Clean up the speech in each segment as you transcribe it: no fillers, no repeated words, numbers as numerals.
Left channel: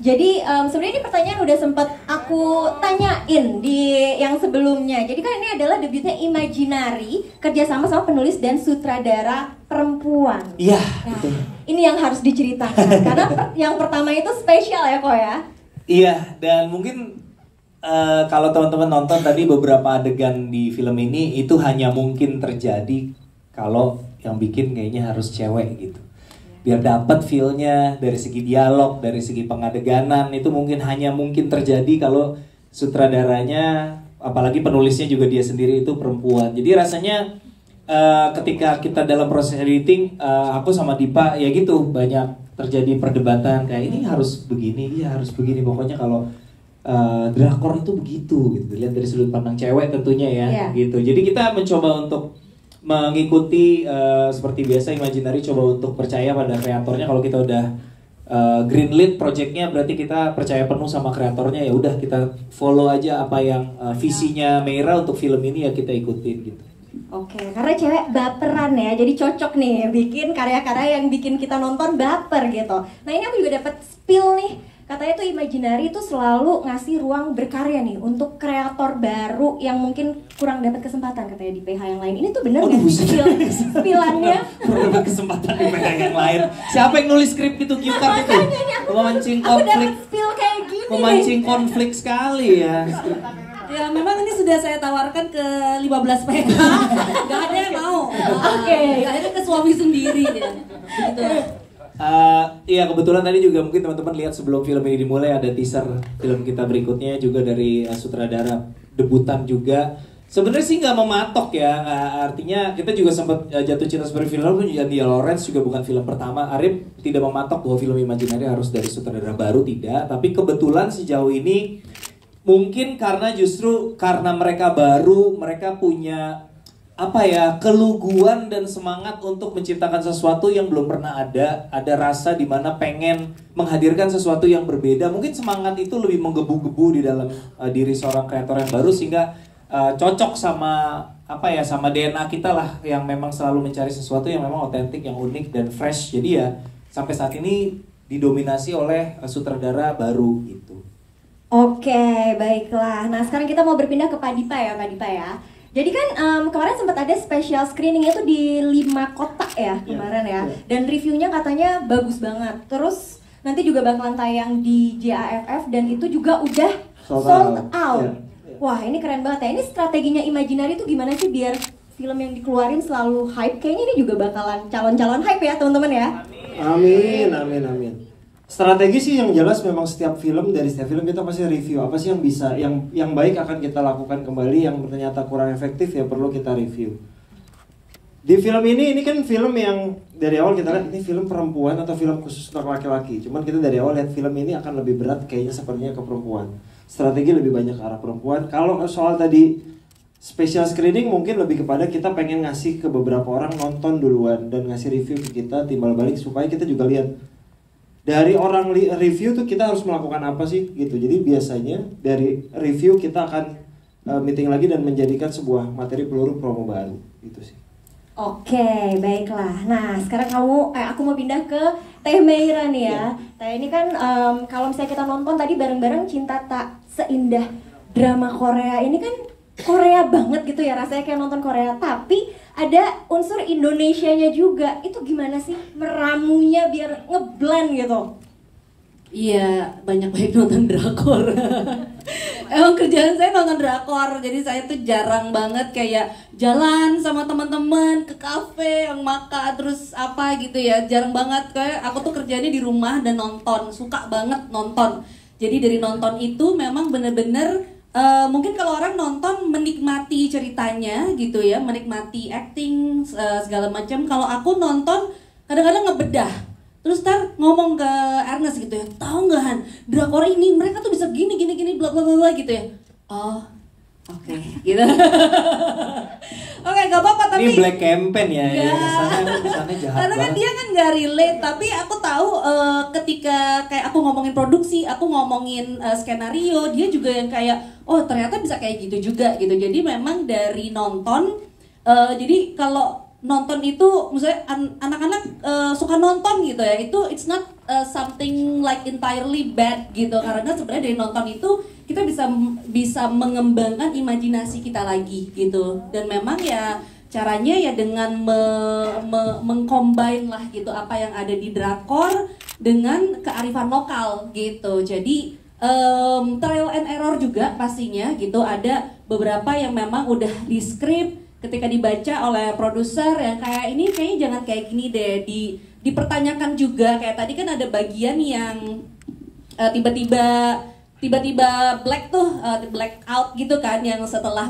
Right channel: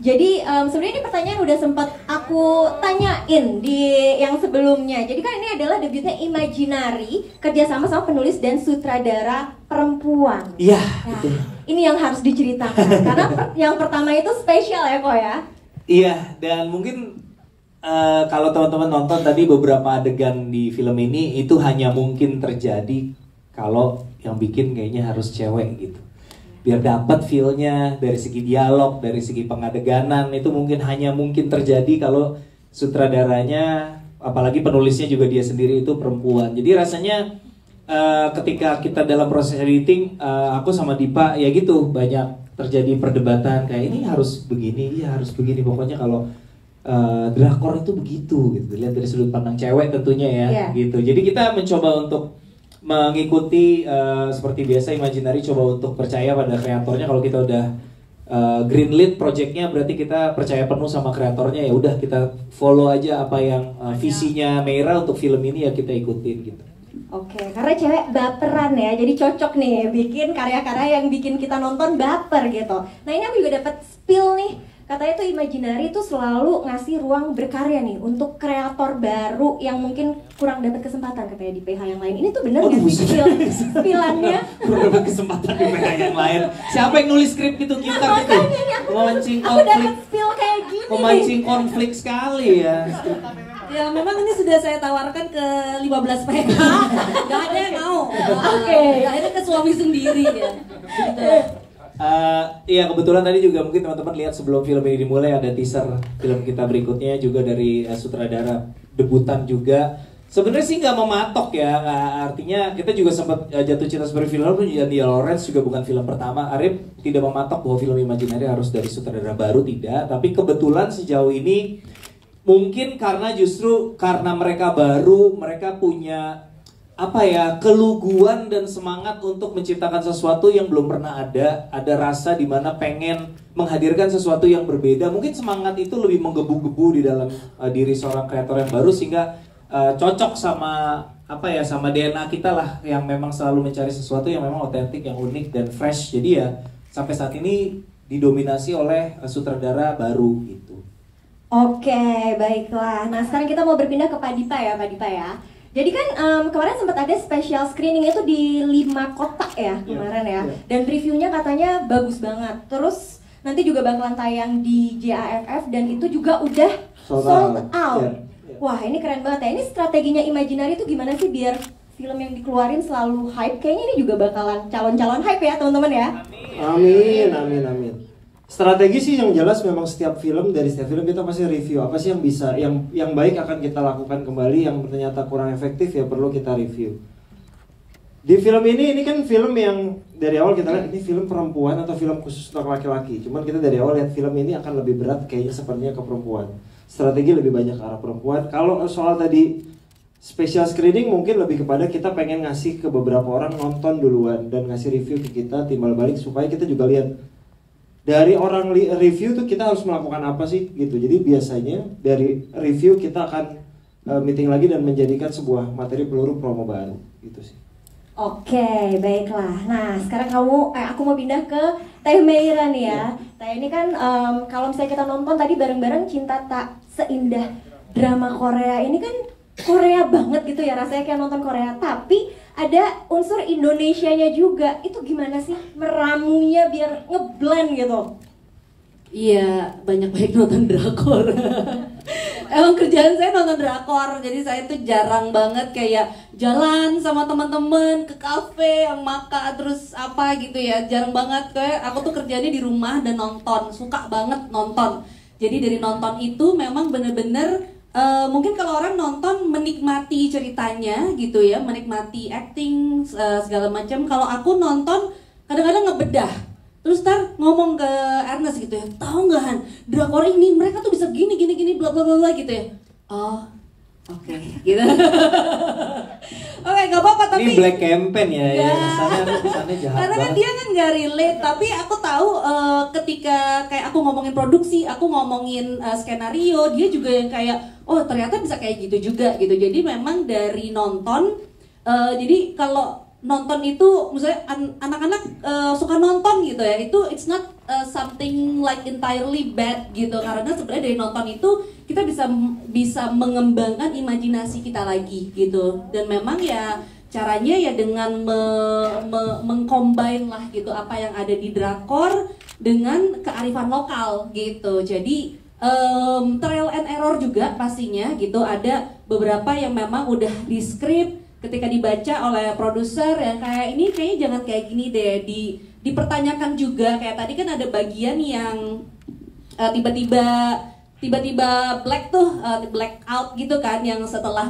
Jadi sebenarnya ini pertanyaan udah sempat aku tanyain di yang sebelumnya. Jadi kan ini adalah debutnya Imaginary, kerjasama sama penulis dan sutradara perempuan. Iya. Nah, ini yang harus diceritakan karena yang pertama itu spesial ya kok ya. Iya, dan mungkin kalau teman-teman nonton tadi beberapa adegan di film ini itu hanya mungkin terjadi kalau yang bikin kayaknya harus cewek gitu. Biar dapat feel-nya dari segi dialog, dari segi pengadeganan itu hanya mungkin terjadi kalau sutradaranya, apalagi penulisnya juga dia sendiri itu perempuan. Jadi rasanya ketika kita dalam proses editing, aku sama Dipa ya gitu banyak terjadi perdebatan kayak ini harus begini, ya harus begini. Pokoknya kalau drakor itu begitu gitu. Lihat dari sudut pandang cewek tentunya ya, gitu. Jadi kita mencoba untuk mengikuti seperti biasa Imaginary coba untuk percaya pada kreatornya. Kalau kita udah greenlit projectnya berarti kita percaya penuh sama kreatornya, ya udah kita follow aja apa yang visinya Meira untuk film ini ya kita ikutin gitu. Oke, karena cewek baperan ya, jadi cocok nih bikin karya-karya yang bikin kita nonton baper gitu. Nah ini aku juga dapat spill nih, katanya tuh Imaginary itu selalu ngasih ruang berkarya nih untuk kreator baru yang mungkin kurang dapat kesempatan katanya di PH yang lain. Ini tuh bener nggak sih spillannya? Kurang dapat kesempatan di PH yang lain. Siapa yang nulis skrip itu kita itu? Memancing konflik. Aku dapat spill kayak gini. Memancing konflik sekali ya. Ya memang ini sudah saya tawarkan ke 15 PH, gak ada yang mau. Oke. Akhirnya ke suami sendiri ya. Gitu. Iya kebetulan tadi juga mungkin teman-teman lihat sebelum film ini dimulai ada teaser film kita berikutnya juga dari sutradara debutan juga. Sebenarnya sih nggak mematok ya, artinya kita juga sempat jatuh cinta seperti film jadi Lawrence juga bukan film pertama. Arif tidak mematok bahwa film Imaginary harus dari sutradara baru, tidak. Tapi kebetulan sejauh ini mungkin justru karena mereka baru, mereka punya keluguan dan semangat untuk menciptakan sesuatu yang belum pernah ada rasa di mana pengen menghadirkan sesuatu yang berbeda. Mungkin semangat itu lebih menggebu-gebu di dalam diri seorang kreator yang baru sehingga cocok sama sama DNA kita lah yang memang selalu mencari sesuatu yang memang otentik, yang unik dan fresh. Jadi ya sampai saat ini didominasi oleh sutradara baru gitu. Oke, baiklah. Nah sekarang kita mau berpindah ke Pak Dipa ya. Jadi kan kemarin sempat ada special screening itu di 5 kota ya kemarin ya. Dan reviewnya katanya bagus banget. Terus nanti juga bakalan tayang di JAFF dan itu juga udah sold out. Wah ini keren banget ya. Ini strateginya Imaginary itu gimana sih biar film yang dikeluarin selalu hype? Kayaknya ini juga bakalan calon-calon hype ya teman-teman ya. Amin. Strategi sih yang jelas memang setiap film kita pasti review apa sih yang bisa yang baik akan kita lakukan kembali, yang ternyata kurang efektif ya perlu kita review. Di film ini kan film yang dari awal kita lihat ini film perempuan atau film khusus untuk laki-laki. Cuman kita dari awal lihat film ini akan lebih berat kayaknya sepertinya ke perempuan. Strategi lebih banyak ke arah perempuan. Kalau soal tadi special screening mungkin lebih kepada kita pengen ngasih ke beberapa orang nonton duluan dan ngasih review ke kita timbal balik supaya kita juga lihat dari orang review tuh kita harus melakukan apa sih gitu. Jadi biasanya dari review kita akan meeting lagi dan menjadikan sebuah materi peluru promo baru gitu sih. Oke, baiklah. Nah sekarang aku mau pindah ke Teh Meira nih ya. Teh ini kan kalau misalnya kita nonton tadi bareng-bareng Cinta Tak Seindah drama Korea ini kan Korea banget gitu ya, rasanya kayak nonton Korea, tapi ada unsur Indonesianya juga. Itu gimana sih meramunya biar ngeblend gitu? Iya, banyak nonton drakor. Emang kerjaan saya nonton drakor, jadi saya tuh jarang banget kayak jalan sama teman-teman ke kafe yang makan terus apa gitu ya, jarang banget. Kayak aku tuh kerjanya di rumah dan nonton, suka banget nonton. Jadi dari nonton itu memang bener-bener mungkin kalau orang nonton menikmati ceritanya gitu ya, menikmati acting segala macam. Kalau aku nonton kadang-kadang ngebedah, terus ngomong ke Ernest gitu ya, tahu nggak Han, drakor ini mereka tuh bisa gini bla bla bla gitu ya. Oh oke, gitu. Oke, nggak apa-apa tapi ini black campaign ya. Sana jahat. Karena kan dia kan nggak relate, tapi aku tahu ketika kayak aku ngomongin produksi, aku ngomongin skenario, dia juga yang kayak ternyata bisa kayak gitu juga gitu. Jadi memang dari nonton, jadi kalau nonton itu misalnya anak-anak suka nonton gitu ya, itu it's not something like entirely bad gitu, karena sebenarnya dari nonton itu kita bisa mengembangkan imajinasi kita lagi gitu. Dan memang ya caranya ya dengan mengcombine lah gitu apa yang ada di drakor dengan kearifan lokal gitu. Jadi trial and error juga pastinya gitu. Ada beberapa yang memang udah di script, ketika dibaca oleh produser yang kayak ini kayaknya jangan kayak gini deh, dipertanyakan juga. Kayak tadi kan ada bagian yang tiba-tiba black tuh, black out gitu kan, yang setelah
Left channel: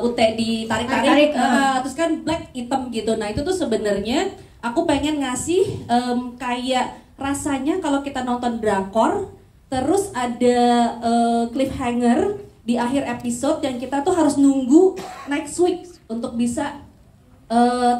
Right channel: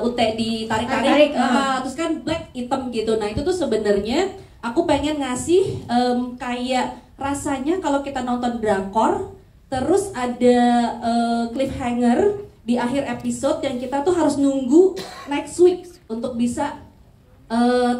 UT ditarik-tarik, terus kan black hitam gitu. Nah itu tuh sebenarnya aku pengen ngasih kayak rasanya kalau kita nonton drakor terus ada cliffhanger di akhir episode dan kita tuh harus nunggu next week untuk bisa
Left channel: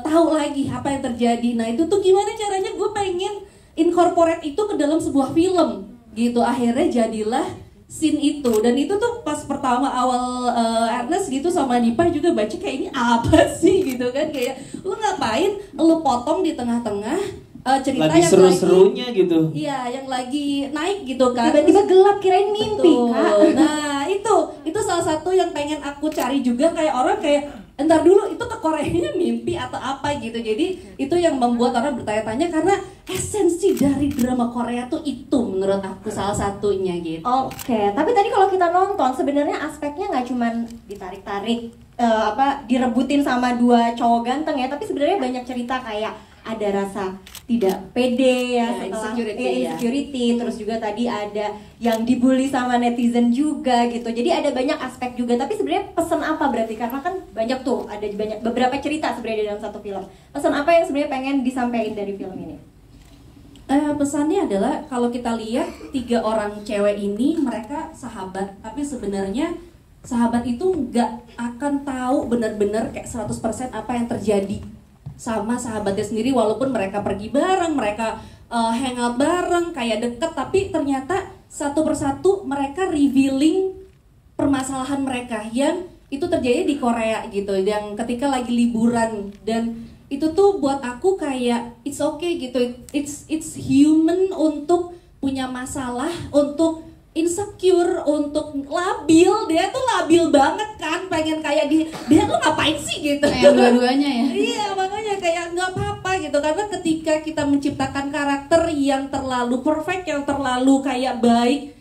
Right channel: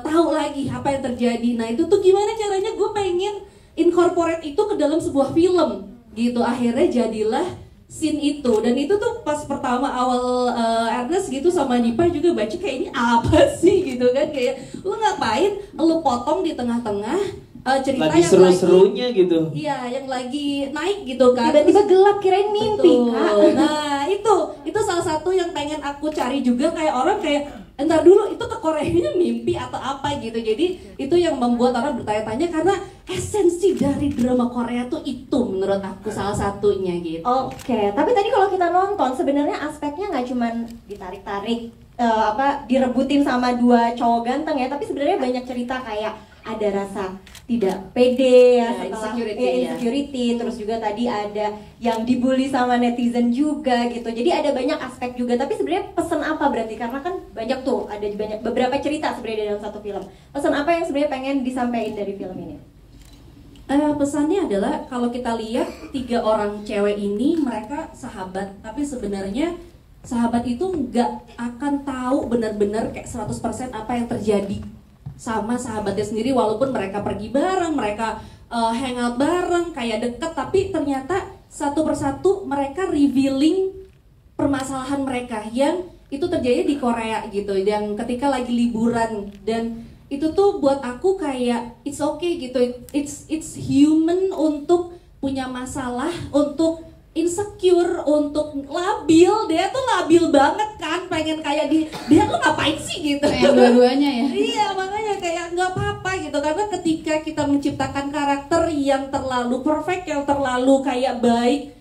tahu lagi apa yang terjadi. Nah itu tuh gimana caranya gue pengen incorporate itu ke dalam sebuah film gitu. Akhirnya jadilah scene itu. Dan itu tuh pas pertama awal Ernest gitu sama Dipa juga baca kayak ini apa sih gitu kan, kayak lu ngapain lu potong di tengah-tengah cerita lagi yang seru-serunya gitu. Iya, yang lagi naik gitu kan. Tiba-tiba gelap kirain mimpi, Kak. Nah, itu salah satu yang pengen aku cari juga, kayak orang kayak entar dulu itu ke Koreanya mimpi atau apa gitu. Jadi itu yang membuat orang bertanya-tanya karena esensi dari drama Korea tuh itu menurut aku salah satunya gitu. Oke, tapi tadi kalau kita nonton sebenarnya aspeknya nggak cuman ditarik-tarik direbutin sama dua cowok ganteng ya, tapi sebenarnya banyak cerita kayak ada rasa tidak pede ya, insecurity, terus juga tadi ada yang dibully sama netizen juga gitu. Jadi ada banyak aspek juga. Tapi sebenarnya pesan apa berarti, karena kan banyak tuh, ada banyak beberapa cerita sebenarnya dalam satu film. Pesan apa yang sebenarnya pengen disampaikan dari film ini? Pesannya adalah kalau kita lihat 3 orang cewek ini mereka sahabat, tapi sebenarnya sahabat itu nggak akan tahu benar-benar kayak 100% apa yang terjadi sama sahabatnya sendiri, walaupun mereka pergi bareng, mereka hangout bareng, kayak deket, tapi ternyata satu persatu mereka revealing permasalahan mereka yang itu terjadi di Korea gitu, yang ketika lagi liburan. Dan itu tuh buat aku kayak it's okay gitu, it's human untuk punya masalah, untuk insecure, untuk labil. Dia tuh labil banget kan, pengen kayak dia lu ngapain sih gitu, kayak dua-duanya ya. Iya, makanya kayak nggak apa-apa gitu, karena ketika kita menciptakan karakter yang terlalu perfect, yang terlalu kayak baik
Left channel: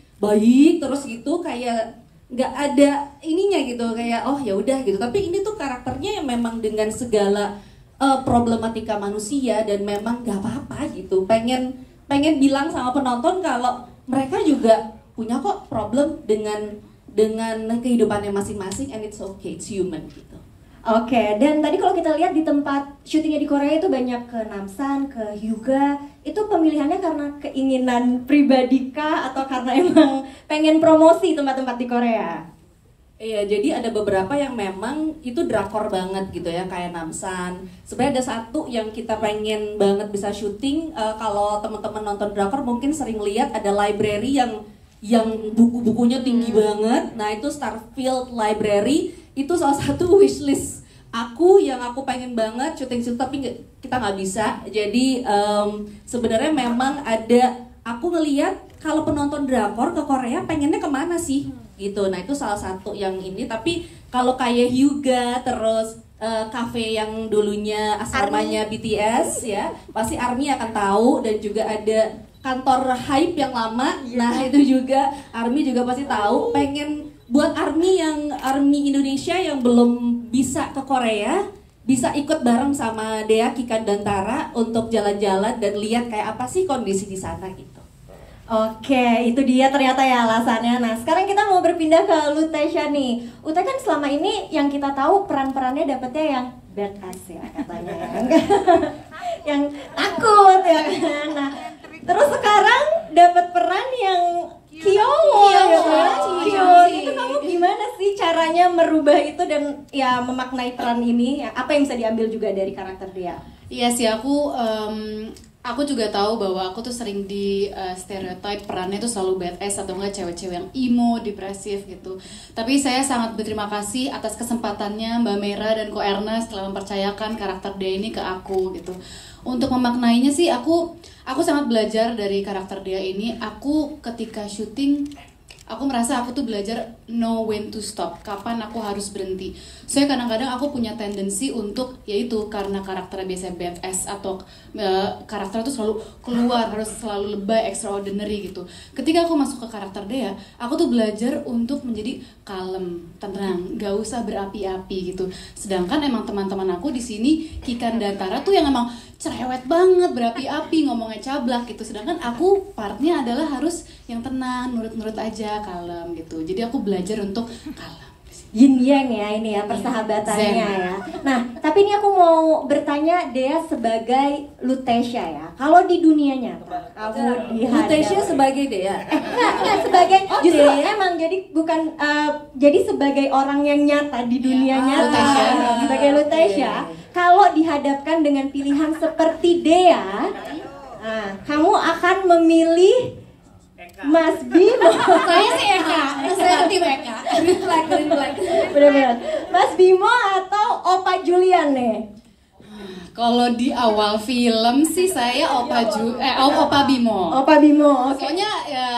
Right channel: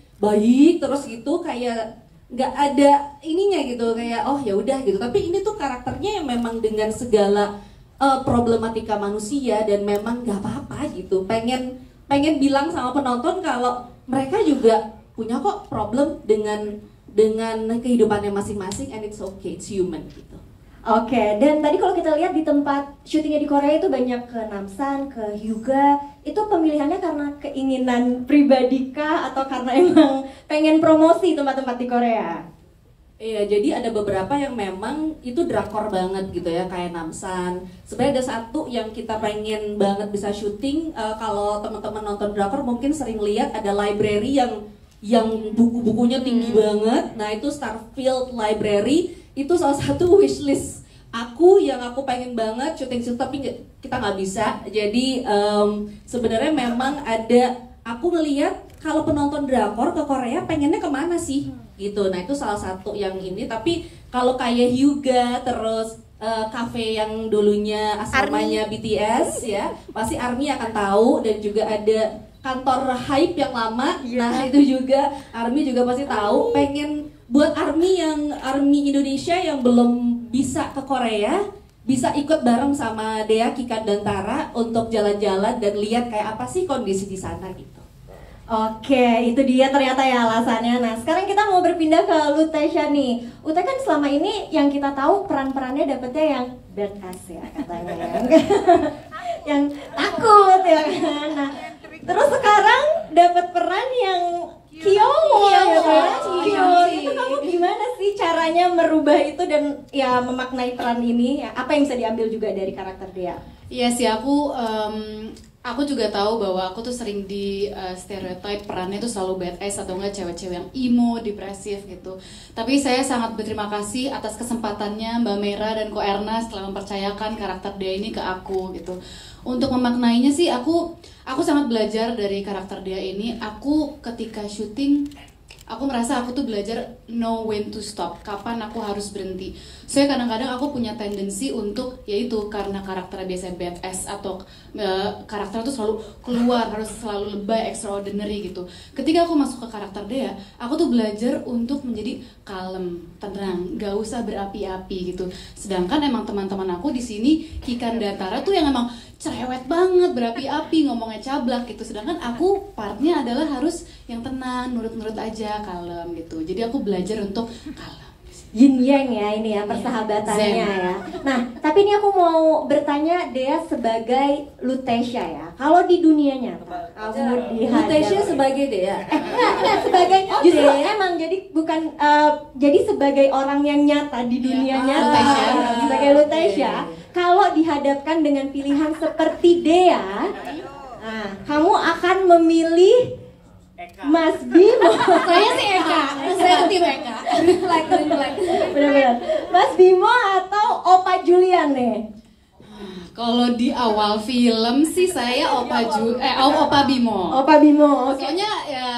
terus gitu, kayak nggak ada ininya gitu, kayak oh ya udah gitu. Tapi ini tuh karakternya yang memang dengan segala problematika manusia, dan memang nggak apa-apa gitu. Pengen bilang sama penonton kalau mereka juga punya kok problem dengan kehidupannya masing-masing, and it's okay, it's human gitu. Oke, dan tadi kalau kita lihat di tempat syutingnya di Korea itu banyak ke Namsan, ke Hyuga. Itu pemilihannya karena keinginan pribadi kah atau karena emang pengen promosi tempat-tempat di Korea? Iya, jadi ada beberapa yang memang itu drakor banget gitu ya, kayak Namsan. Sebenarnya ada satu yang kita pengen banget bisa syuting. Kalau teman-teman nonton drakor mungkin sering lihat ada library yang buku-bukunya tinggi banget. Nah itu Starfield Library, itu salah satu wishlist aku yang aku pengen banget syuting, tapi kita nggak bisa. Jadi sebenarnya memang ada, aku ngelihat kalau penonton drakor ke Korea pengennya kemana sih gitu. Nah itu salah satu yang ini. Tapi kalau kayak Hyuga, terus cafe yang dulunya asramanya BTS ya, pasti ARMY akan tahu. Dan juga ada kantor Hype yang lama, nah itu juga ARMY juga pasti tahu. Pengen buat ARMY Indonesia yang belum bisa ke Korea, bisa ikut bareng sama Dea, Kika, dan Tara untuk jalan-jalan dan lihat kayak apa sih kondisi di sana gitu. Oke, itu dia ternyata ya alasannya. Nah, sekarang kita mau berpindah ke Lutesha nih. Ute kan selama ini yang kita tahu peran-perannya dapetnya yang badass ya katanya, yang takut ya. Nah, terus sekarang dapat peran yang Kyowo ya kan? Itu kamu gimana sih caranya merubah itu dan ya memaknai peran ini? Apa yang bisa diambil juga dari karakter dia? Iya sih, aku aku juga tahu bahwa aku tuh sering di stereotype perannya tuh selalu badass atau enggak cewek-cewek yang emo, depresif gitu. Tapi saya sangat berterima kasih atas kesempatannya Mbak Mera dan Ko Erna setelah mempercayakan karakter dia ini ke aku gitu. Untuk memaknainya sih aku sangat belajar dari karakter dia ini. Aku ketika syuting aku merasa aku tuh belajar know when to stop, kapan aku harus berhenti. Saya kadang-kadang aku punya tendensi untuk, yaitu karena karakternya biasanya badass atau karakter tuh selalu keluar, harus selalu lebay, extraordinary gitu. Ketika aku masuk ke karakter dia, aku tuh belajar untuk menjadi kalem, tenang, gak usah berapi-api gitu. Sedangkan emang teman-teman aku di sini Kikan dan Tara tuh yang emang cerewet banget, berapi-api, ngomongnya cablak gitu. Sedangkan aku partnya adalah harus yang tenang, nurut-nurut aja, kalem gitu. Jadi aku belajar untuk kalem. Yin yang ya ini ya persahabatannya ya. Nah, tapi ini aku mau bertanya Dea sebagai Lutetia ya. Kalau di dunia nyata, kamu dihadap Lutetia sebagai Dea. enggak sebagai justru emang jadi bukan jadi sebagai orang yang nyata di dunia nyata. Lutetia. Sebagai Lutetia, kalau dihadapkan dengan pilihan seperti Dea, nah, kamu akan memilih Mas Bimo. Saya sih Eka, saya tim Eka. Green flag. Bener-bener. Mas Bimo atau Opa Julian nih? Kalau di awal film sih saya Opa Bimo. Opa Bimo. Oke. Soalnya ya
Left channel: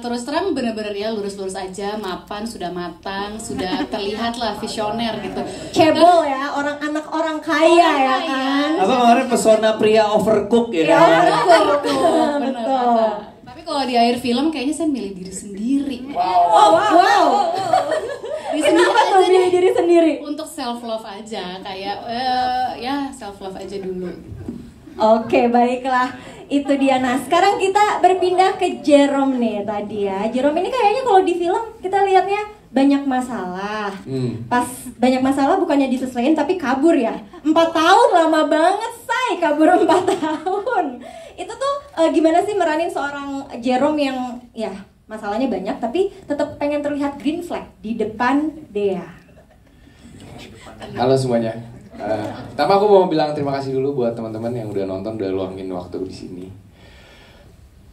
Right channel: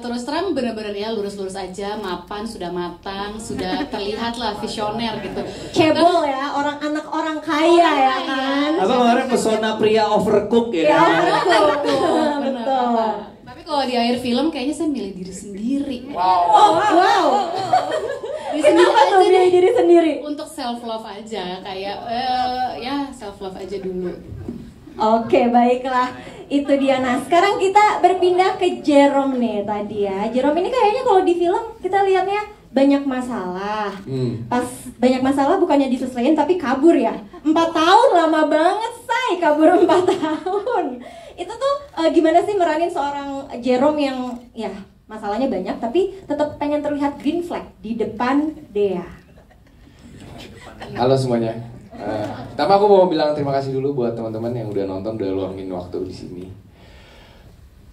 terus terang bener-bener ya lurus-lurus aja, mapan, sudah matang, sudah terlihat lah visioner gitu. Cebol ya, anak orang kaya ya kan. Apa kemarin pesona pria overcook ya? Betul. Tapi kalau di akhir film kayaknya saya milih diri sendiri. Wow. Di sini Kenapa tuh aja milih deh. diri sendiri? Untuk self love aja, kayak ya self love aja dulu. Oke, baiklah. Itu dia. Nah, sekarang kita berpindah ke Jerome nih tadi ya. Jerome ini kayaknya kalau di film kita lihatnya banyak masalah. Pas banyak masalah bukannya diselesaikan tapi kabur ya. 4 tahun lama banget say, kabur 4 tahun. Itu tuh gimana sih meranin seorang Jerome yang ya masalahnya banyak tapi tetap pengen terlihat green flag di depan Dea. Halo semuanya. Pertama aku mau bilang terima kasih dulu buat teman-teman yang udah nonton, udah luangin waktu di sini.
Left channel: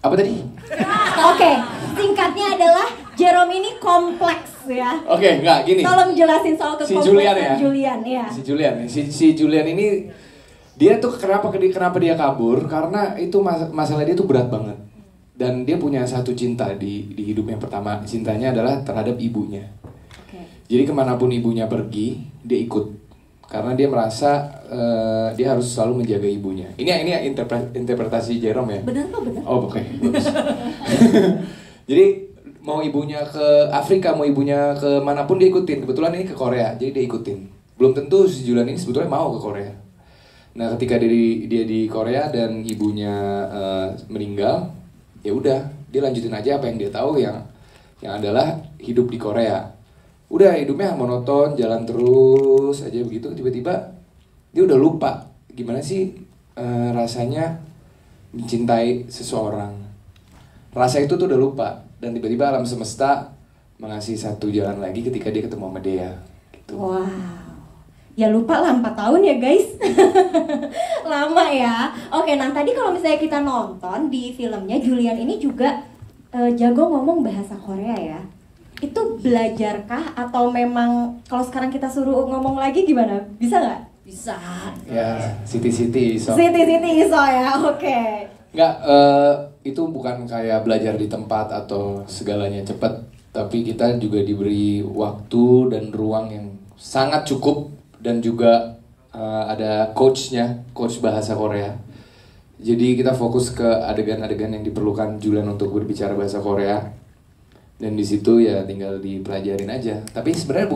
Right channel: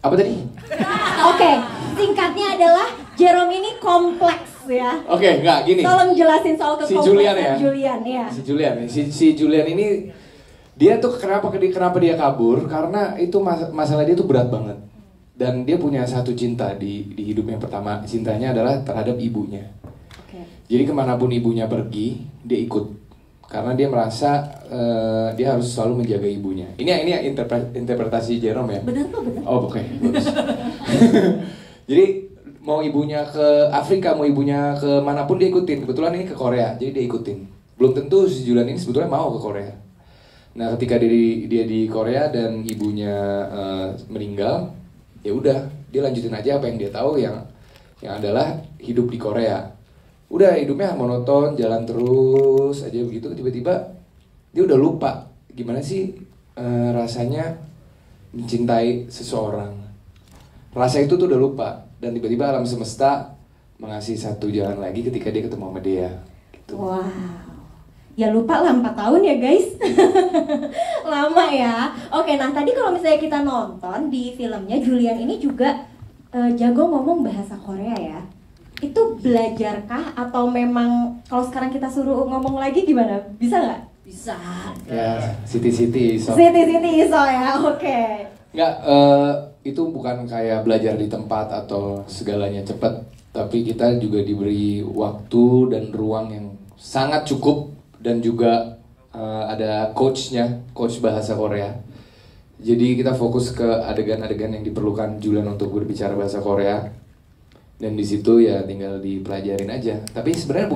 Apa tadi? Oke, singkatnya adalah Jerome ini kompleks ya. Oke, enggak gini. Tolong jelasin soal Si Julian ya. Julian, ya. Si Julian nih, si Julian ini dia tuh kenapa dia kabur? Karena itu masalah dia tuh berat banget. Dan dia punya satu cinta di hidupnya. Pertama, cintanya adalah terhadap ibunya. Jadi kemanapun ibunya pergi, dia ikut. Karena dia merasa dia harus selalu menjaga ibunya. Ini interpretasi Jerome ya. Benar kok, benar. Oh oke, bagus. Jadi mau ibunya ke Afrika, mau ibunya ke manapun dia ikutin. Kebetulan ini ke Korea, jadi dia ikutin. Belum tentu si Julian ini sebetulnya mau ke Korea. Nah ketika dia di Korea dan ibunya meninggal, ya udah dia lanjutin aja apa yang dia tahu yang adalah hidup di Korea. Udah hidupnya monoton, jalan terus aja begitu. Tiba-tiba dia udah lupa gimana sih rasanya mencintai seseorang. Rasa itu tuh udah lupa. Dan tiba-tiba alam semesta mengasih satu jalan lagi ketika dia ketemu sama dia gitu. Wow. Ya lupa lah 4 tahun ya guys. Lama ya. Oke, nah tadi kalau misalnya kita nonton di filmnya, Julian ini juga jago ngomong bahasa Korea ya. Itu belajarkah atau memang kalau sekarang kita suruh ngomong lagi gimana? Bisa nggak? Bisa. Ya, Siti so. Siti iso ya, oke. Nggak, itu bukan kayak belajar di tempat atau segalanya cepat, tapi kita juga diberi waktu dan ruang yang sangat cukup dan juga ada coach bahasa Korea. Jadi kita fokus ke adegan-adegan yang diperlukan Julian untuk berbicara bahasa Korea. Dan di situ ya tinggal dipelajarin aja. Tapi sebenarnya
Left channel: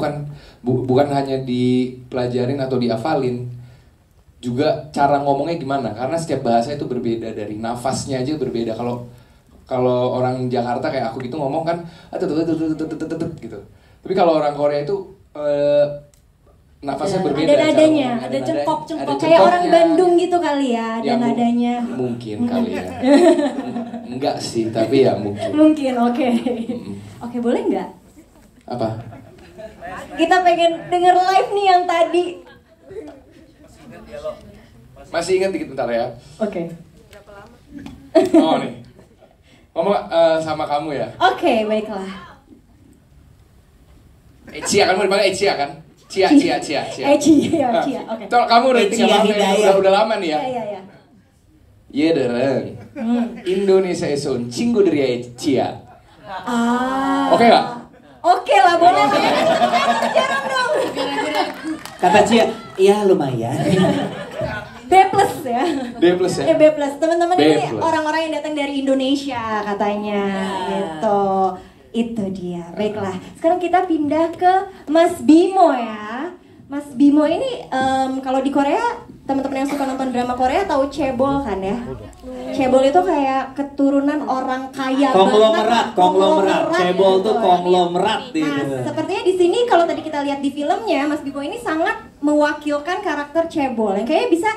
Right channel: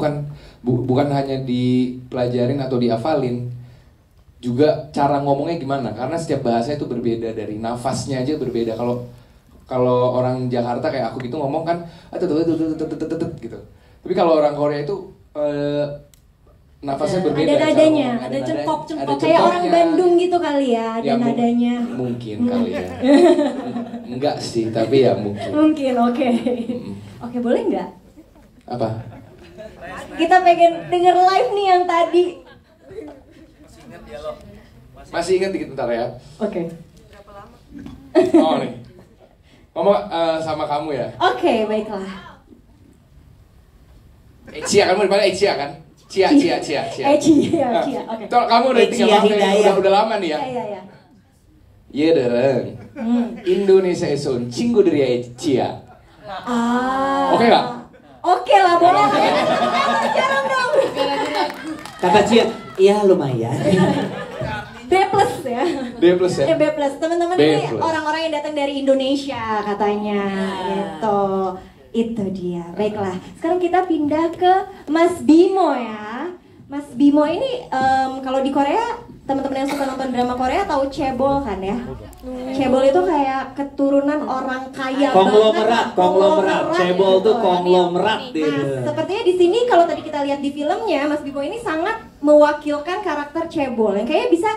bukan hanya dipelajarin atau dihafalin, juga cara ngomongnya gimana. Karena setiap bahasa itu berbeda, dari nafasnya aja berbeda. Kalau orang Jakarta kayak aku gitu ngomong kan gitu. Tapi kalau orang Korea itu nafasnya berbeda. Ada nadanya, ada cengkok-cengkok. Kayak orang Bandung gitu kali ya, ada nadanya. Mungkin kali ya. Enggak sih, tapi ya mungkin. Mungkin, oke. Oke, boleh nggak? Apa? Kita pengen denger live nih yang tadi. Masih ingat dikit bentar ya. Oke. Oh nih. Ngomong sama kamu ya. Oke, baiklah. Cia, kamu dipanggil Cia kan? Cia. Cia, Nah, Cia. Oke. Tuh, kamu udah Cia tinggal Hidayah. udah lama nih ya. Iya. Iya dereng. Indonesia esun cinggu dari Cia. Oke nggak? Oke lah, boleh. Jarang dong. Kata Cia, iya lumayan. B plus ya. B plus ya. B plus. Teman-teman B ini plus. orang-orang yang datang dari Indonesia katanya. Gitu. Itu dia. Baiklah. Sekarang kita pindah ke Mas Bimo ya. Mas Bimo ini kalau di Korea, teman-teman yang suka nonton drama Korea tahu cebol kan ya? Cebol itu kayak keturunan orang kaya Konglomerat. Cebol tuh konglomerat Nah, gitu. sepertinya di sini kalau tadi kita lihat di filmnya, Mas Bimo ini sangat mewakilkan karakter cebol yang kayaknya bisa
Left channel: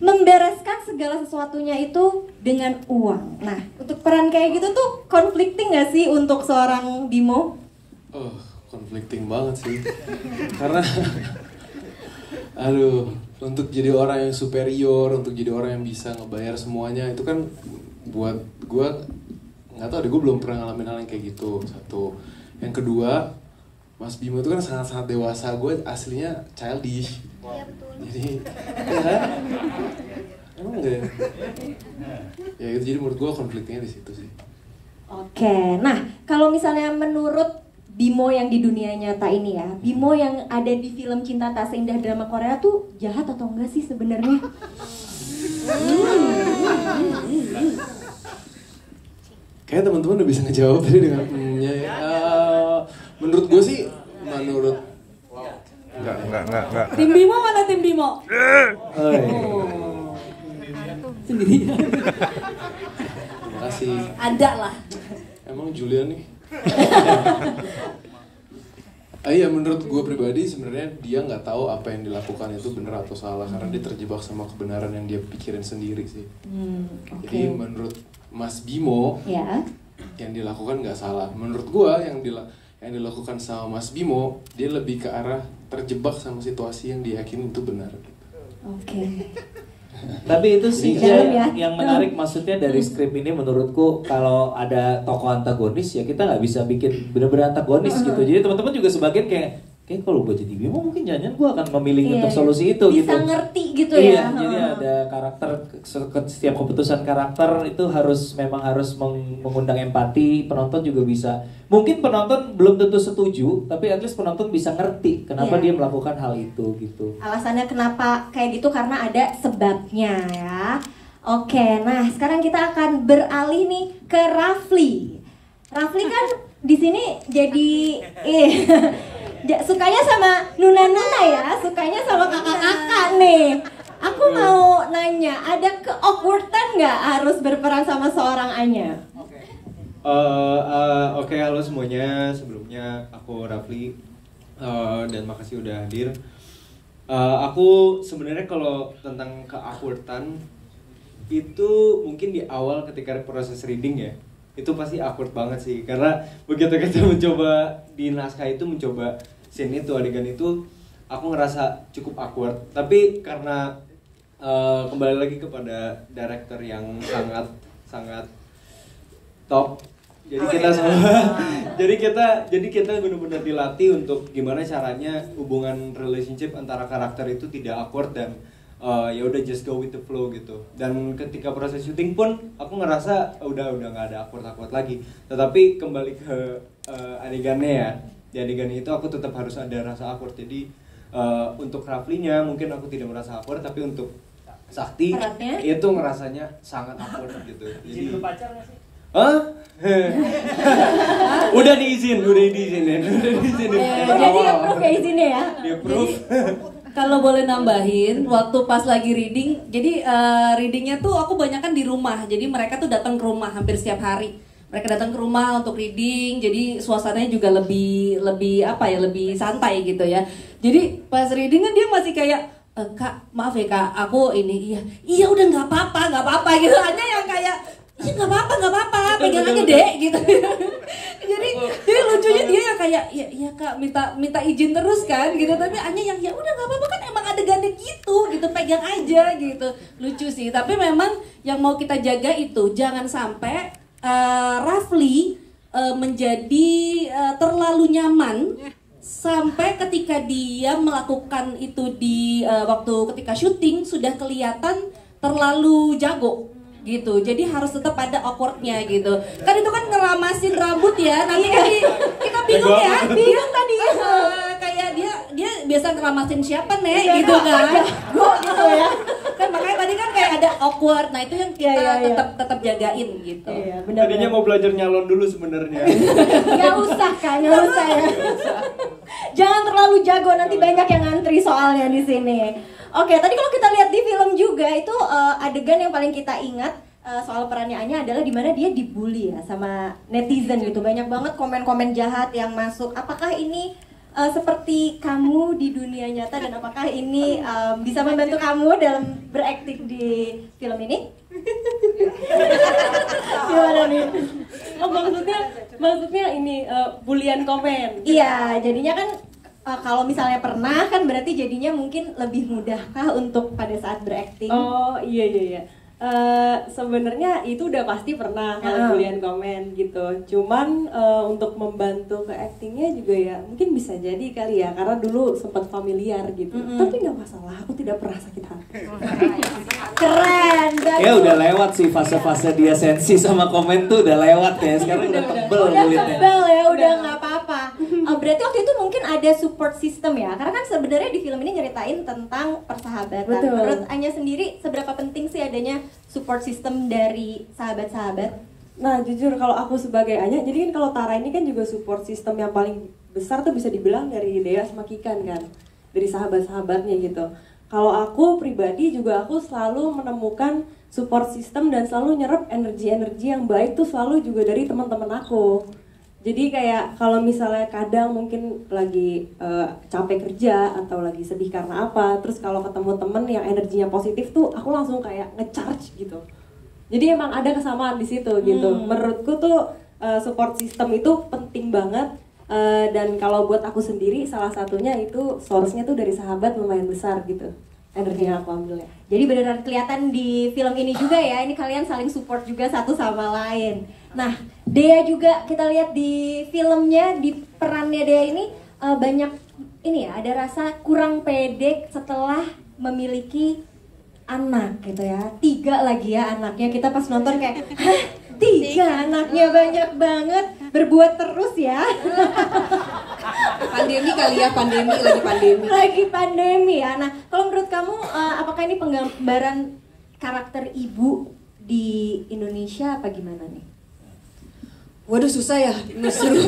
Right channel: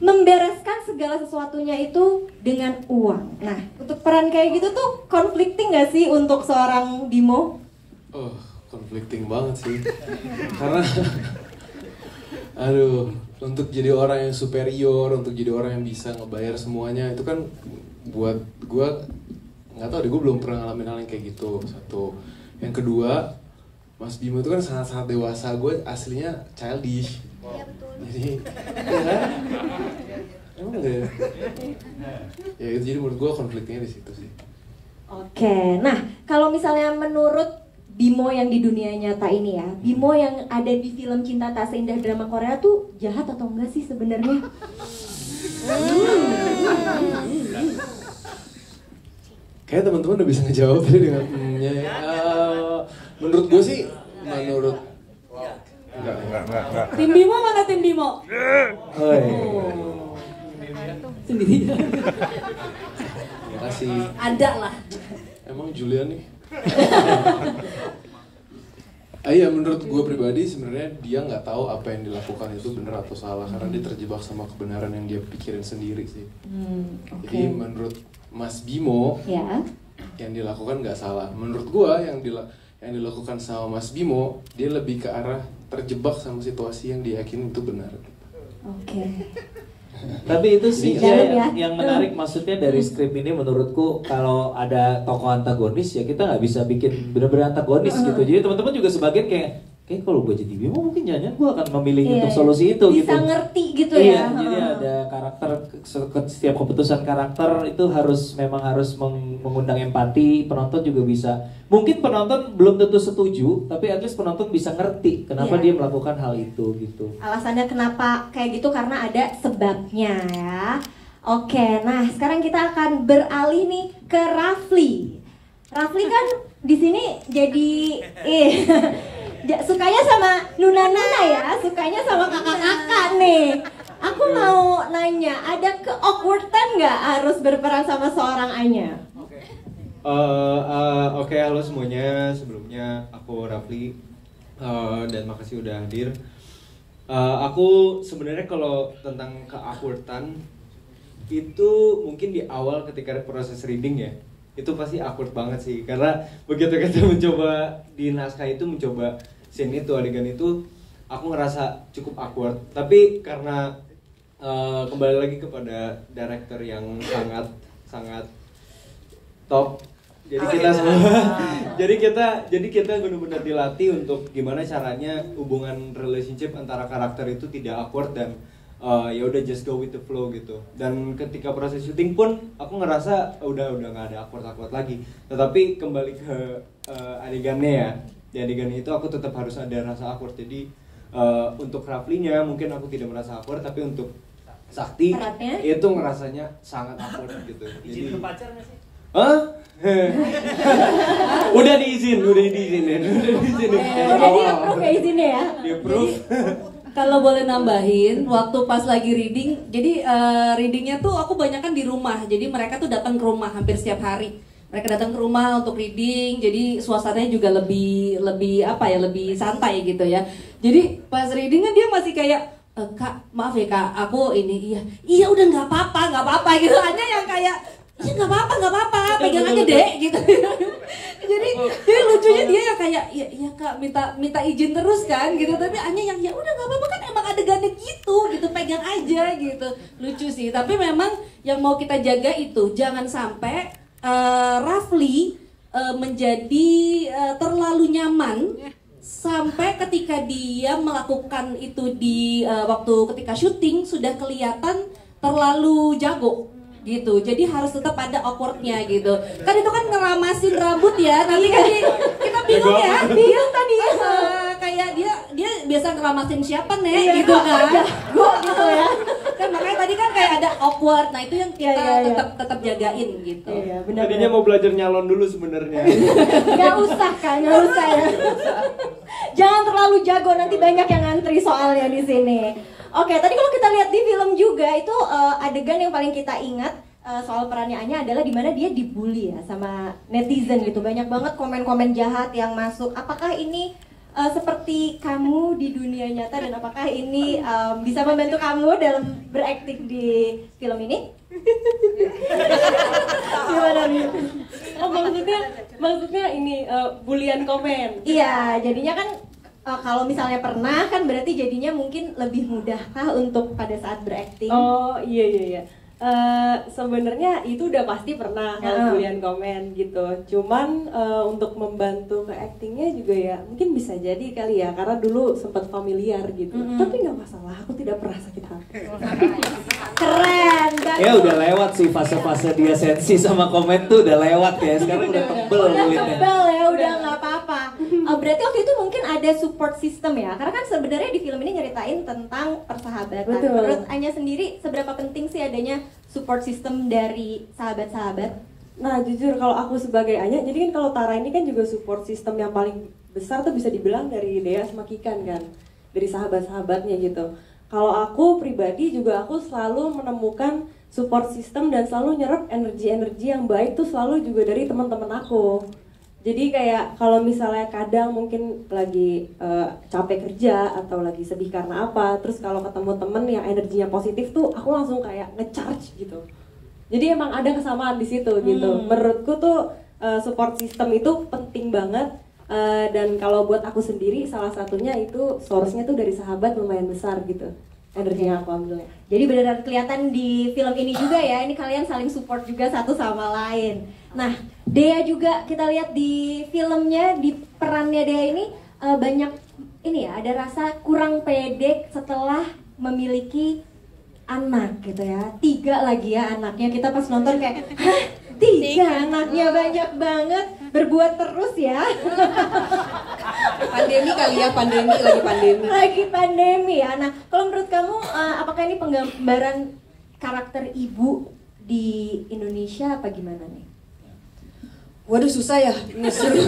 membereskan segala sesuatunya itu dengan uang. Nah, untuk peran kayak gitu tuh conflicting gak sih untuk seorang Bimo? Oh, conflicting banget sih. Karena aduh, untuk jadi orang yang superior, untuk jadi orang yang bisa ngebayar semuanya itu kan buat gue nggak tahu deh, gue belum pernah ngalamin hal yang kayak gitu. Satu, yang kedua, Mas Bimo itu kan sangat-sangat dewasa. Gue aslinya childish. Jadi ya, emang enggak ya? Ya itu, jadi menurut gue konfliknya di situ sih. Oke, nah kalau misalnya menurut Bimo yang di dunia nyata ini ya, Bimo yang ada di film Cinta Tak Seindah drama Korea tuh jahat atau enggak sih sebenarnya? Kayaknya teman-teman udah bisa ngejawab tadi dengan menurut gue sih, menurut enggak. Tim Bimo mana tim Bimo? Sendirian. Terima kasih. Ada lah. Emang Julian nih. Iya, menurut gue pribadi sebenarnya dia nggak tahu apa yang dilakukan itu benar atau salah, karena dia terjebak sama kebenaran yang dia pikirin sendiri sih. Jadi menurut Mas Bimo Ya. yang dilakukan nggak salah. Menurut gue yang dilakukan sama Mas Bimo, dia lebih ke arah terjebak sama situasi yang dia yakin itu benar. Oke. Tapi itu sih Jalan ya. yang menarik, maksudnya dari skrip ini menurutku kalau ada tokoh antagonis ya kita nggak bisa bikin benar-benar antagonis gitu. Jadi teman-teman juga sebagian kayak kalau gue jadi Bimo mungkin jangan gue akan memilih untuk solusi itu bisa gitu. ngerti gitu Iya, ya. jadi ada karakter, setiap keputusan karakter itu memang harus mengundang empati. Penonton juga bisa, mungkin penonton belum tentu setuju, tapi at least penonton bisa ngerti kenapa dia melakukan hal itu gitu. Alasannya kenapa kayak gitu karena ada sebabnya ya. Oke, nah sekarang kita akan beralih nih ke Rafli. Rafli kan di sini jadi sukanya sama nuna-nuna ya, sukanya sama kakak-kakak nih. Aku mau nanya, ada ke-awkwardan nggak harus berperan sama seorang Anya? Oke, halo semuanya. Sebelumnya aku Rafli dan makasih udah hadir. Aku sebenarnya kalau tentang ke-awkwardan itu mungkin di awal ketika proses reading ya, itu pasti awkward banget sih, karena begitu kita mencoba di naskah itu mencoba scene itu, adegan itu, aku ngerasa cukup awkward. Tapi karena kembali lagi kepada director yang sangat top, jadi kita semua jadi kita benar-benar dilatih untuk gimana caranya hubungan relationship antara karakter itu tidak awkward dan ya udah just go with the flow gitu. Dan ketika proses syuting pun aku ngerasa udah nggak ada awkward lagi. Tetapi kembali ke adegannya ya, di adegan itu aku tetap harus ada rasa awkward. Jadi untuk Raflinya mungkin aku tidak merasa awkward, tapi untuk Sakti itu ngerasanya sangat awkward gitu. Jadi berpacar nggak sih? Udah diizinin. Jadi approve ya izinnya ya? Di-approve. Kalau boleh nambahin, waktu pas lagi reading, jadi readingnya tuh aku banyakan di rumah. Jadi mereka tuh datang ke rumah hampir setiap hari. Mereka datang ke rumah untuk reading, jadi suasananya juga lebih lebih santai gitu ya. Jadi pas reading kan dia masih kayak Kak, maaf ya Kak, aku ini iya udah nggak apa-apa gitu. Hanya yang kayak ya nggak apa-apa, pegang aja deh gitu. jadi lucunya dia yang kayak ya Kak minta izin terus kan gitu, tapi Anya yang ya udah nggak apa-apa kan emang adegannya gitu pegang pegang aja gitu. Lucu sih, tapi memang yang mau kita jaga itu jangan sampai Rafli menjadi terlalu nyaman sampai ketika dia melakukan itu di waktu ketika syuting sudah kelihatan terlalu jago gitu. Jadi harus tetap ada awkwardnya gitu. Kan itu kan ngeramasin rambut ya. Nanti kan kita bingung ya. Bingung tadi kayak dia biasa ngeramasin siapa nih gitu kan. Gitu ya. Kan makanya tadi kan kayak ada awkward. Nah, itu yang kita tetap jagain gitu. Iya, benar. Tadinya mau belajar nyalon dulu sebenarnya. Nggak usah Kak, nggak usah ya. Jangan terlalu jago, nanti banyak yang ngantri soalnya di sini. Oke, tadi kalau kita lihat di film juga itu adegan yang paling kita ingat soal perannya Anya adalah dimana dia dibully ya sama netizen gitu. Banyak banget komen-komen jahat yang masuk. Apakah ini seperti kamu di dunia nyata dan apakah ini bisa membantu kamu dalam berakting di film ini? Gimana nih? Oh, maksudnya ini bulian komen. Iya, jadinya kan kalau misalnya pernah kan berarti jadinya mungkin lebih mudahkah untuk pada saat berakting? Oh iya. Sebenarnya itu udah pasti pernah kalau bulian komen gitu. Cuman untuk membantu ke actingnya juga ya mungkin bisa jadi kali ya karena dulu sempat familiar gitu. Tapi nggak masalah, aku tidak pernah sakit hati. Keren. Ya udah lewat sih fase-fase dia sensi sama komen tuh udah lewat ya. Sekarang udah tebel Udah kulitnya. tebal ya, udah nggak apa-apa. Berarti waktu itu mungkin ada support system ya, karena kan sebenarnya di film ini nyeritain tentang persahabatan. Betul. Menurut Anya sendiri seberapa penting sih adanya support system dari sahabat-sahabat? Nah jujur kalau aku sebagai Anya, jadi kan kalau Tara ini kan juga support system yang paling besar tuh bisa dibilang dari Dea sama Kikan kan, dari sahabat-sahabatnya gitu. Kalau aku pribadi juga aku selalu menemukan support system dan selalu nyerap energi-energi yang baik tuh selalu juga dari teman-teman aku. Jadi kayak kalau misalnya kadang mungkin lagi capek kerja atau lagi sedih karena apa, terus kalau ketemu temen yang energinya positif tuh aku langsung kayak ngecharge gitu. Jadi emang ada kesamaan di situ gitu. Menurutku tuh support system itu penting banget. Dan kalau buat aku sendiri salah satunya itu source-nya tuh dari sahabat lumayan besar gitu. Energi yang aku ambil. Jadi benar-benar kelihatan di film ini juga ya, ini kalian saling support juga satu sama lain. Nah, Dea juga kita lihat di filmnya, di perannya Dea ini banyak ini ya, ada rasa kurang pede setelah memiliki anak gitu ya. 3 lagi ya anaknya, kita pas nonton kayak, hah, 3 anaknya banyak banget, berbuat terus ya. Pandemi kali ya, lagi pandemi. Lagi pandemi ya. Nah, kalau menurut kamu apakah ini penggambaran karakter ibu di Indonesia apa gimana nih? Waduh susah ya, disuruh.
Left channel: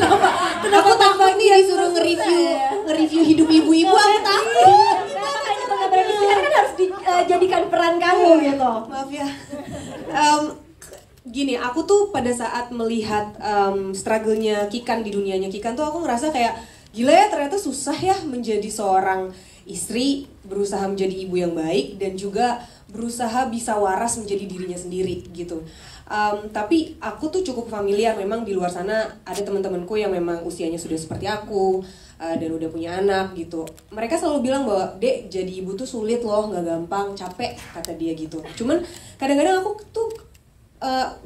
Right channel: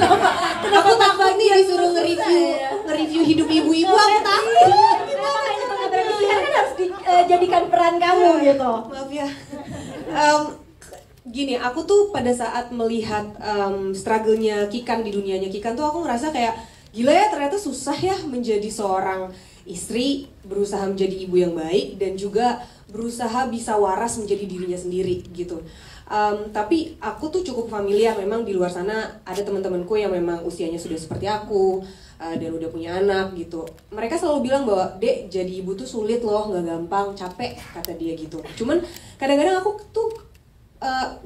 Aku takut nih disuruh nge-review hidup ibu-ibu, aku takut. Kenapa ini penggambaran di sini kan harus dijadikan peran kamu gitu. Maaf ya. Gini, aku tuh pada saat melihat struggle-nya Kikan di dunianya Kikan tuh aku ngerasa kayak gila ya, ternyata susah ya menjadi seorang istri, berusaha menjadi ibu yang baik dan juga berusaha bisa waras menjadi dirinya sendiri gitu. Tapi aku tuh cukup familiar, memang di luar sana ada teman-temanku yang memang usianya sudah seperti aku dan udah punya anak gitu. Mereka selalu bilang bahwa Dek, jadi ibu tuh sulit loh, nggak gampang, capek kata dia gitu. Cuman kadang-kadang aku tuh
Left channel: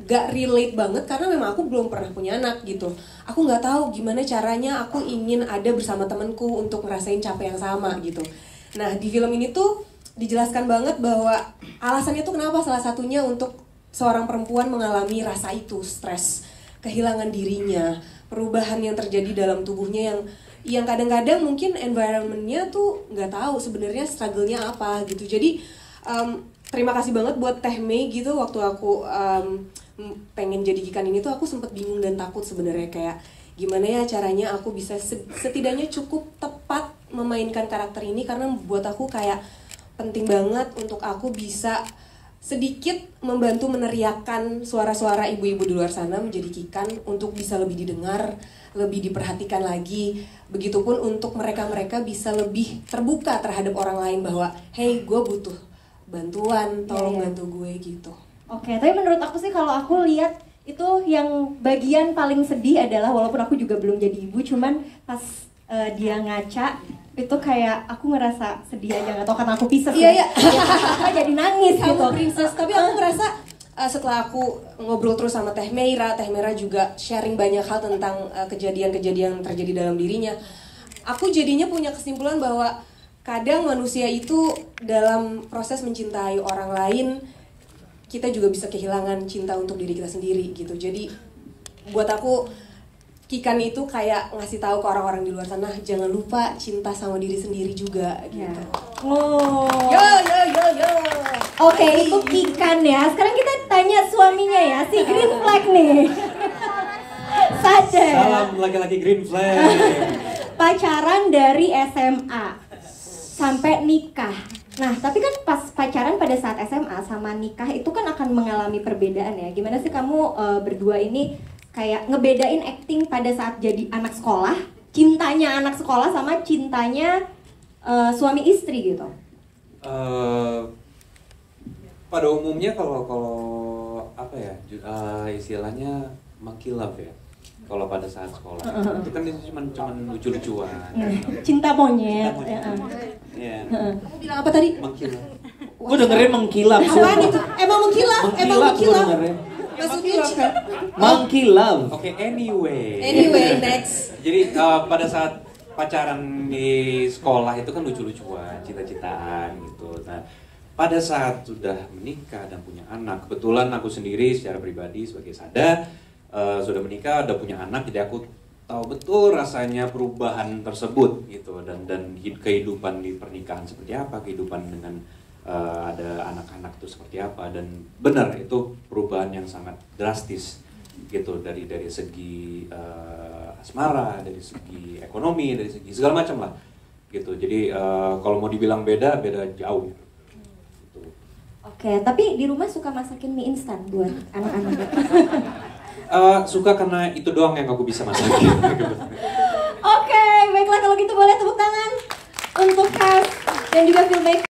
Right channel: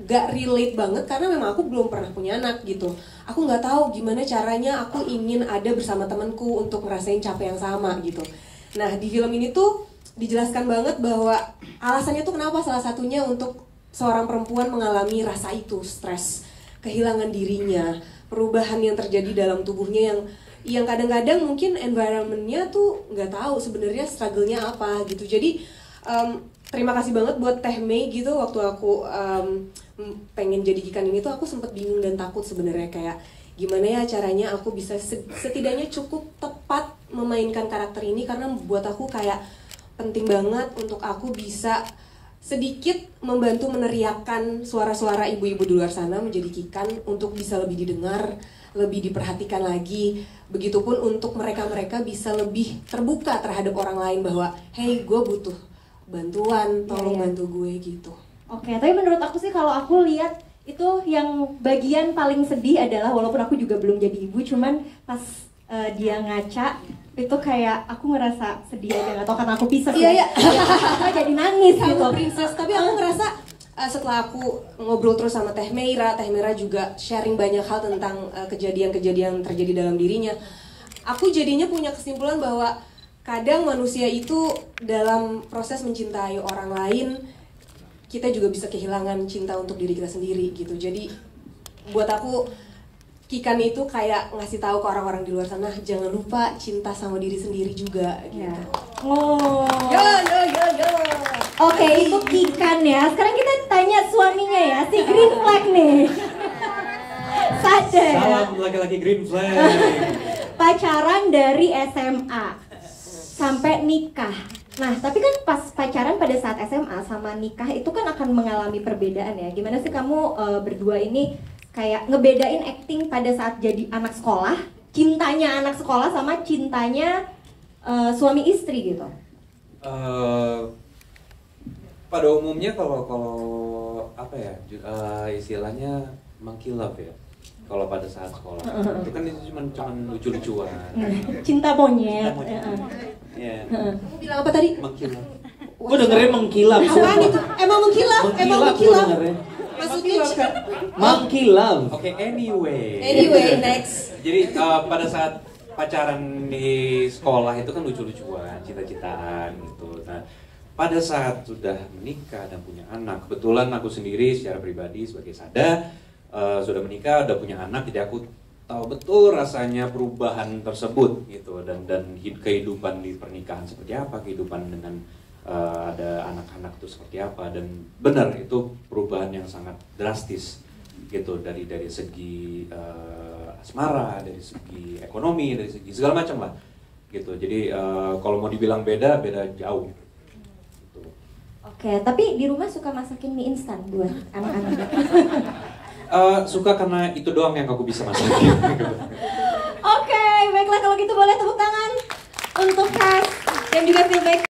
gak relate banget karena memang aku belum pernah punya anak gitu. Aku nggak tahu gimana caranya aku ingin ada bersama temanku untuk ngerasain capek yang sama gitu. Nah di film ini tuh dijelaskan banget bahwa alasannya tuh kenapa salah satunya untuk seorang perempuan mengalami rasa itu, stres, kehilangan dirinya, perubahan yang terjadi dalam tubuhnya yang kadang-kadang mungkin environmentnya tuh nggak tahu sebenarnya struggle-nya apa gitu. Jadi terima kasih banget buat Teh Mei gitu, waktu aku pengen jadi Kikan ini tuh aku sempet bingung dan takut sebenarnya, kayak gimana ya caranya aku bisa setidaknya cukup tepat memainkan karakter ini, karena buat aku kayak penting banget untuk aku bisa sedikit membantu meneriakkan suara-suara ibu-ibu di luar sana menjadi Kikan untuk bisa lebih didengar, lebih diperhatikan lagi. Begitupun untuk mereka-mereka bisa lebih terbuka terhadap orang lain bahwa hey, gue butuh bantuan, tolong bantu gue gitu. Oke, tapi menurut aku sih kalau aku lihat itu yang bagian paling sedih adalah walaupun aku juga belum jadi ibu, cuman pas dia ngaca itu kayak aku ngerasa sedih aja, nggak tahu karena aku pisah. Iya, iya. Aku jadi nangis gitu. Sama Princess, tapi aku ngerasa setelah aku ngobrol terus sama Teh Meira juga sharing banyak hal tentang kejadian-kejadian yang terjadi dalam dirinya. Aku jadinya punya kesimpulan bahwa kadang manusia itu dalam proses mencintai orang lain, kita juga bisa kehilangan cinta untuk diri kita sendiri gitu. Jadi buat aku Kikan itu kayak ngasih tahu ke orang-orang di luar sana, jangan lupa cinta sama diri sendiri juga gitu. Oh. Yo. Oke, itu Kikan ya. Sekarang kita tanya suaminya ya, si Green Flag nih. Saja. Salam laki-laki green flag. Pacaran dari SMA sampai nikah. Nah, tapi kan pas pacaran pada saat SMA sama nikah itu kan akan mengalami perbedaan ya. Gimana sih kamu berdua ini kayak ngebedain acting pada saat jadi anak sekolah, cintanya anak sekolah sama cintanya suami istri gitu? Pada umumnya kalau apa ya, istilahnya monkey love ya. Kalau pada saat sekolah itu kan itu cuma lucu-lucuan. Cinta monyet. Iya. Kamu bilang apa tadi? Monkey love. Gue dengerin mengkilap. Apaan itu? Emang mengkilap? Gue dengerin. Maksudnya Monkey love. Oke, anyway, next. Jadi pada saat pacaran di sekolah itu kan lucu-lucuan, cita-citaan gitu. Nah, pada saat sudah menikah dan punya anak, kebetulan aku sendiri secara pribadi sebagai Sada sudah menikah, udah punya anak, jadi aku tahu betul rasanya perubahan tersebut gitu, dan kehidupan di pernikahan seperti apa, kehidupan dengan ada anak-anak itu seperti apa, dan benar itu perubahan yang sangat drastis gitu dari segi asmara, dari segi ekonomi, dari segi segala macam lah gitu. Jadi kalau mau dibilang beda jauh gitu. Oke, tapi di rumah suka masakin mie instan buat anak-anak? Suka karena itu doang yang aku bisa masakin. Oke, baiklah kalau gitu boleh tepuk tangan untuk cast dan juga feedback.